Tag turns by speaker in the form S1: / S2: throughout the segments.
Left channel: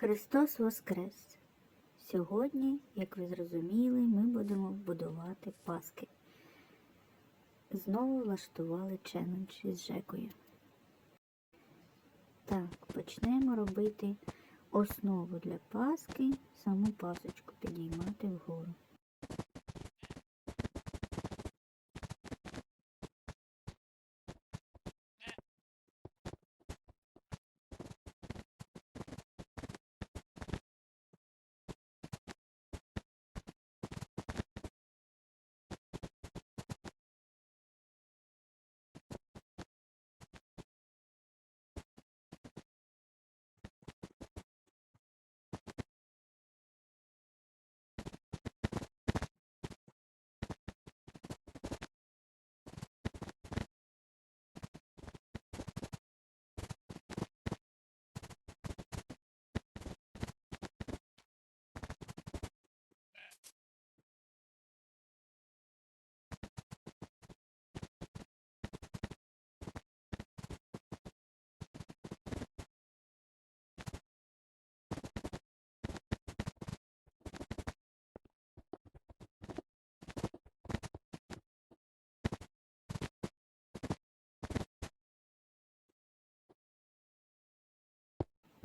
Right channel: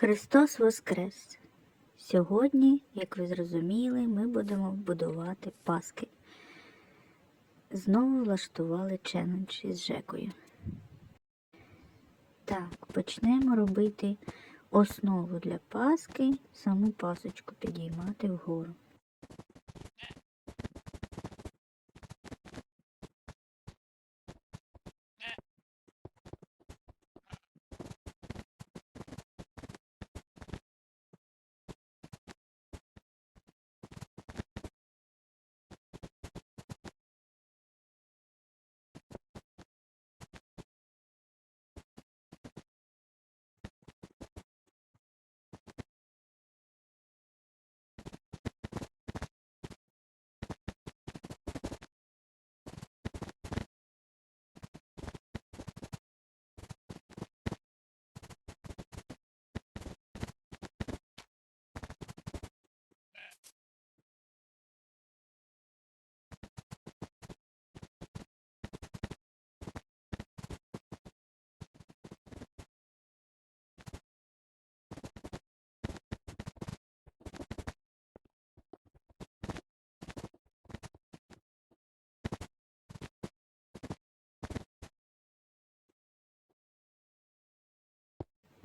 S1: Христос Воскрес! Сьогодні, як ви зрозуміли, ми будемо будувати паски. Знову влаштували челендж із Жекою. Так, почнемо робити основу для паски, саму пасочку підіймати вгору.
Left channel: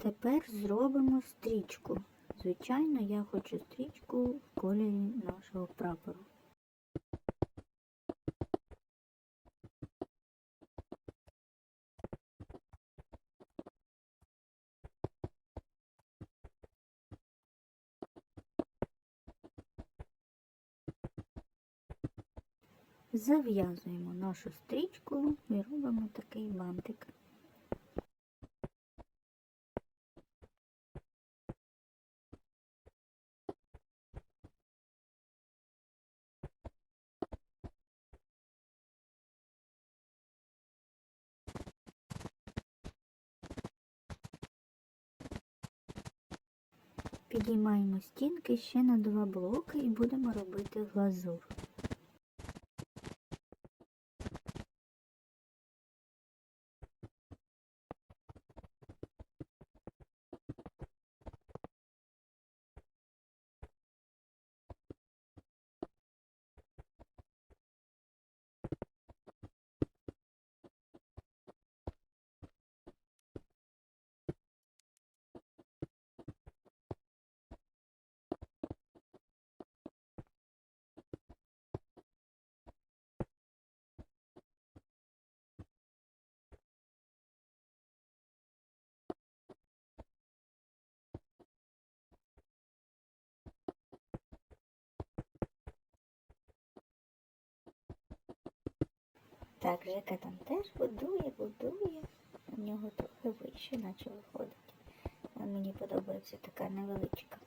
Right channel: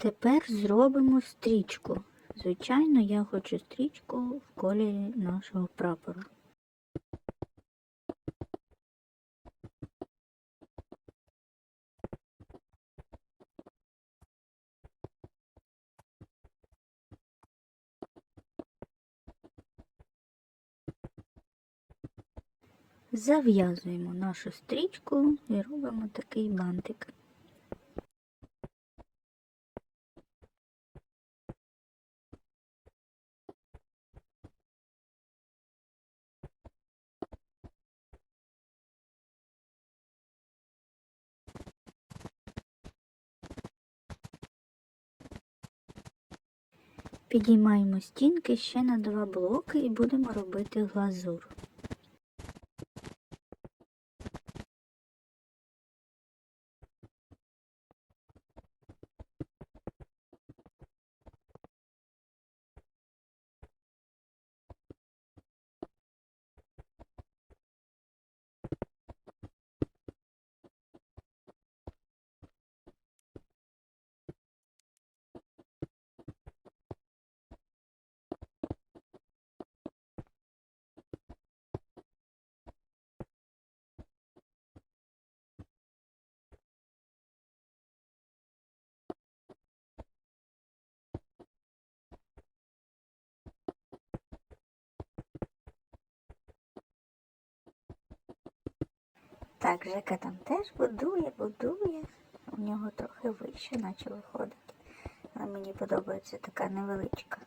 S1: Тепер зробимо стрічку. Звичайно, я хочу стрічку в кольорі нашого прапора. Зав'язуємо нашу стрічку і робимо такий бантик. Підіймаємо стінки ще на два блоки і будемо робити глазур. Так, Жека там теж будує, будує. У нього трохи вище, наче виходить. Але мені подобається така невеличка.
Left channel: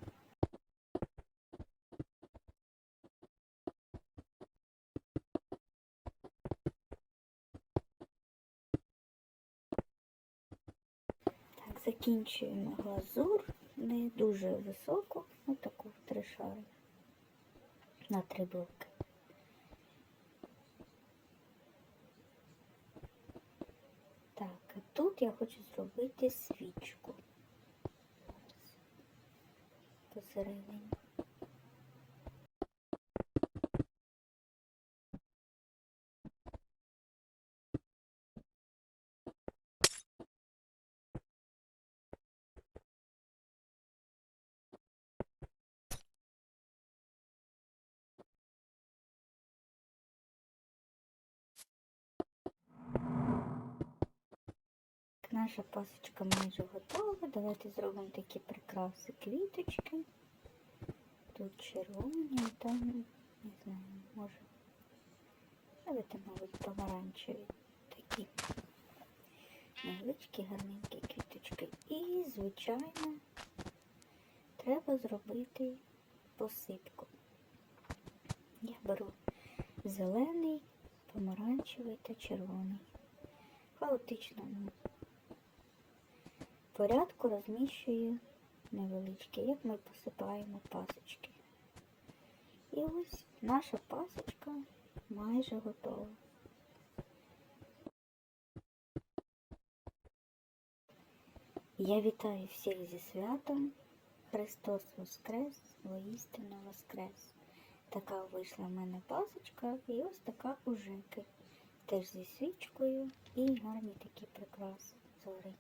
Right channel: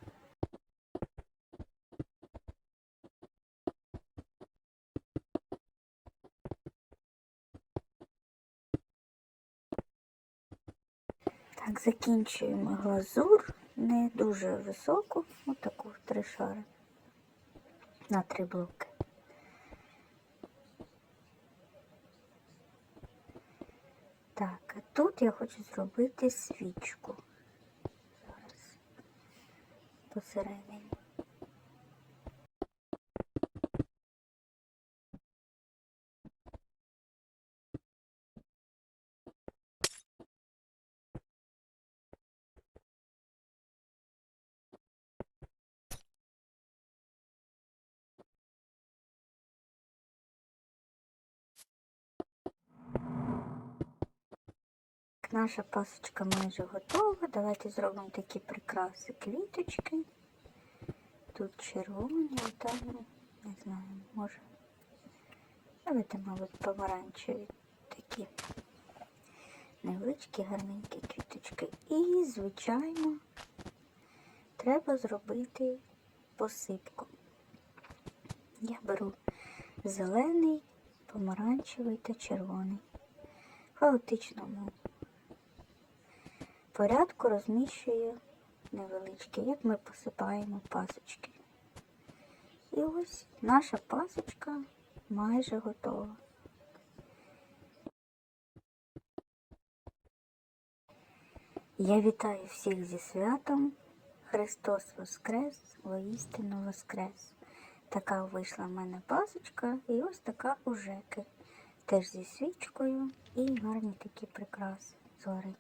S1: Так, закінчуємо глазур. Не дуже високу, отаку три шари на три блоки. Так, а тут я хочу зробити свічку. Зараз посередині. Наша пасочка майже готова. Давайте зробимо такі прикраси квіточки. Тут червоні, там, ну, не знаю, може. Давайте, мабуть, помаранчеві такі невеличкі гарненькі квіточки. І, звичайно, треба зробити посипку. Я беру зелений, помаранчевий та червоний. В хаотичному порядку розміщую невеличкі, як ми посипаємо пасочки. І ось наша пасочка майже готова. Я вітаю всіх зі святом. Христос Воскрес, воістину Воскрес. Така вийшла в мене пасочка і ось така у Жеки. Теж зі свічкою і гарні такі прикраси згори.